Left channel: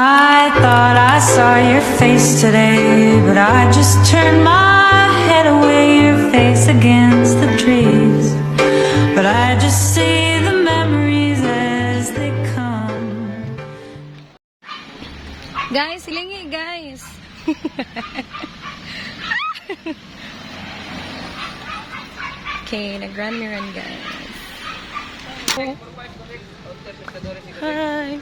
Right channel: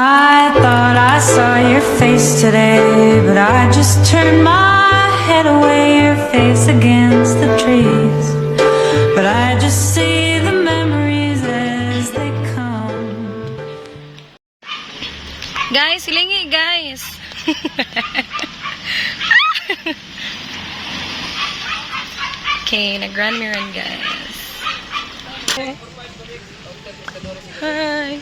I thought I saw your face today, but I just turned my head away, your face against the trees. But I just see the memories as they come. Guys, hilingi guys. Okay, nag-run me run guys. Hi.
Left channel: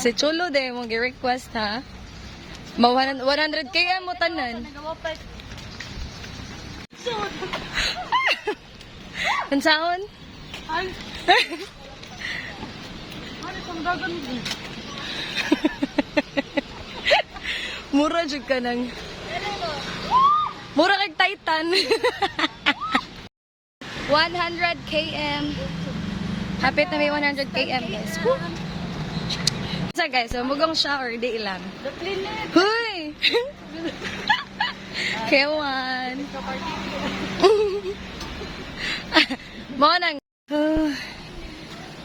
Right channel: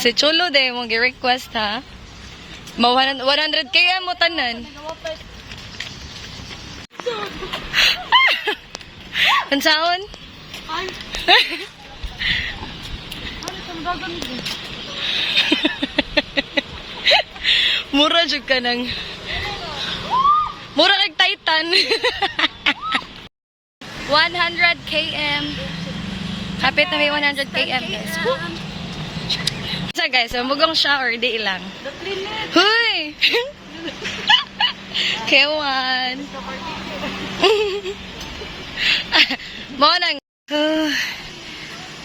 Si Chulo de mong gi-request ha. 100k mo tanan. Unsaon? Mura jud ka nang. Mura kag Titan. 100 km. Kapit na may 100 km guys. So guys, so mugong siya or di lang. Huy! Kewan. Mo nang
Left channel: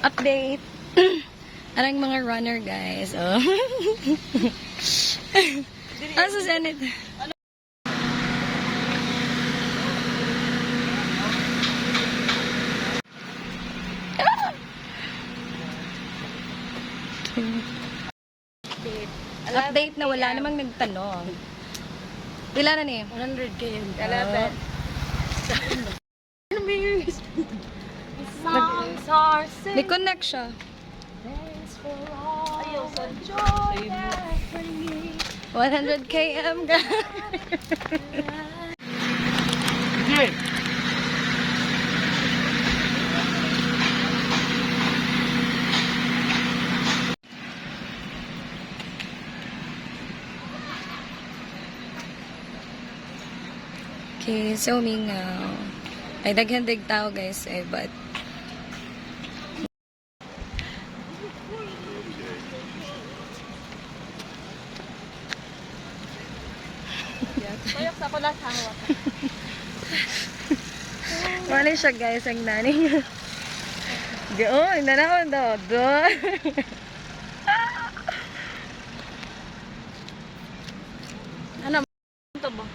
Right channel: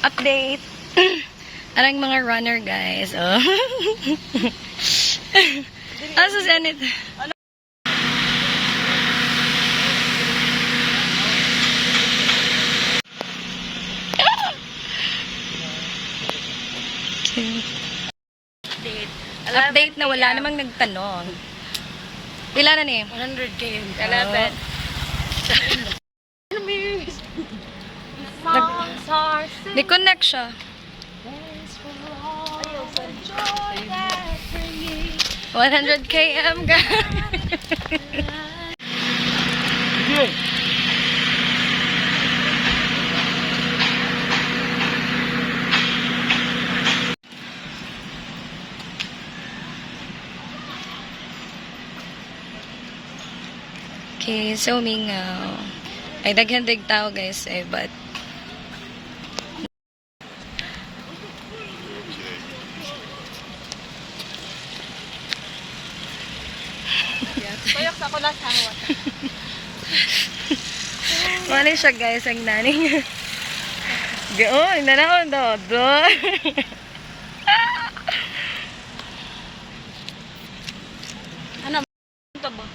update. Arang mga runner guys. Oh. Asa sanit? Update na wala namang nagtanong. Pila na ni? 100 km. Di-connect siya. 100 km guys. Okay, so mingaw. Ay, daghan-dag tao guys eh, but Bayok sa ko lang sa hawat. wala siya guys, ang naning. Oh, nanahon daw. Ano ka ba?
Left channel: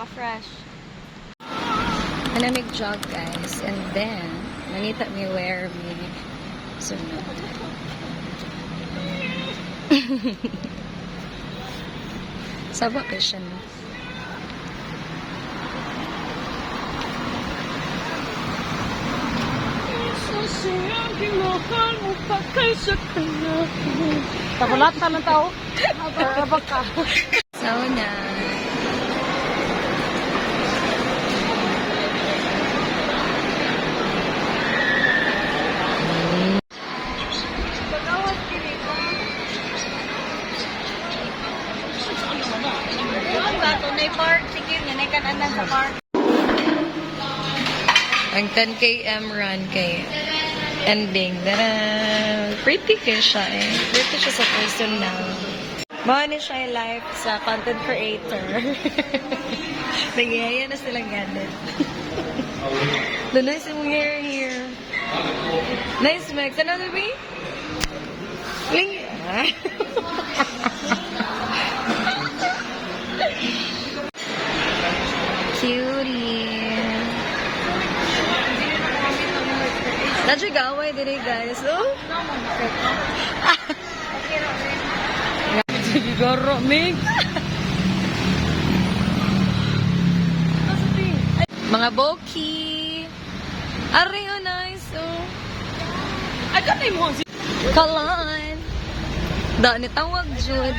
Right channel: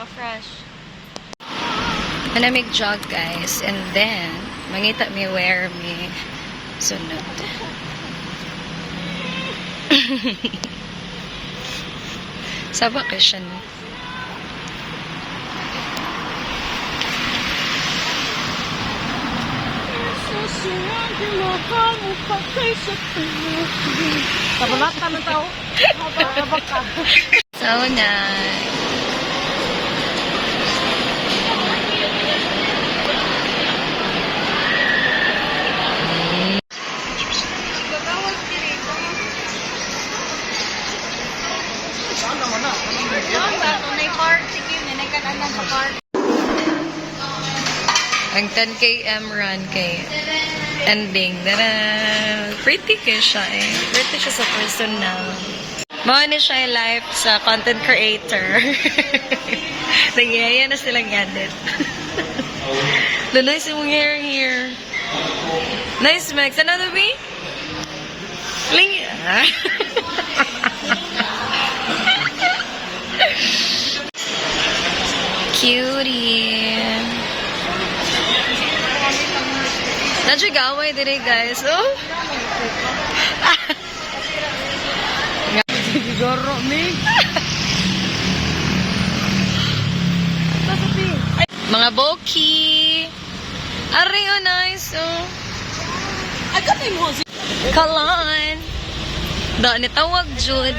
Naka-fresh. Manamig jog guys, and then mangita mi wear mi sunod. Sa vacation. Pabalat ka ng tao. Nagkabak ka. So na. Ang 10 km run kay ending. Dara, pretty ka siya eh. Pretty siya sa personal. Mao ni siya life sa content creator. Nagyaya na silang edit. Luloy si mong hair here. Nice, Max. Another way? Ling. Cutie. Nadyo gaway dire guys. Oh. Siguro me. Mga boki. Ari oh nice oh. Agad ay mo. Kalan. Da ni tawag jud.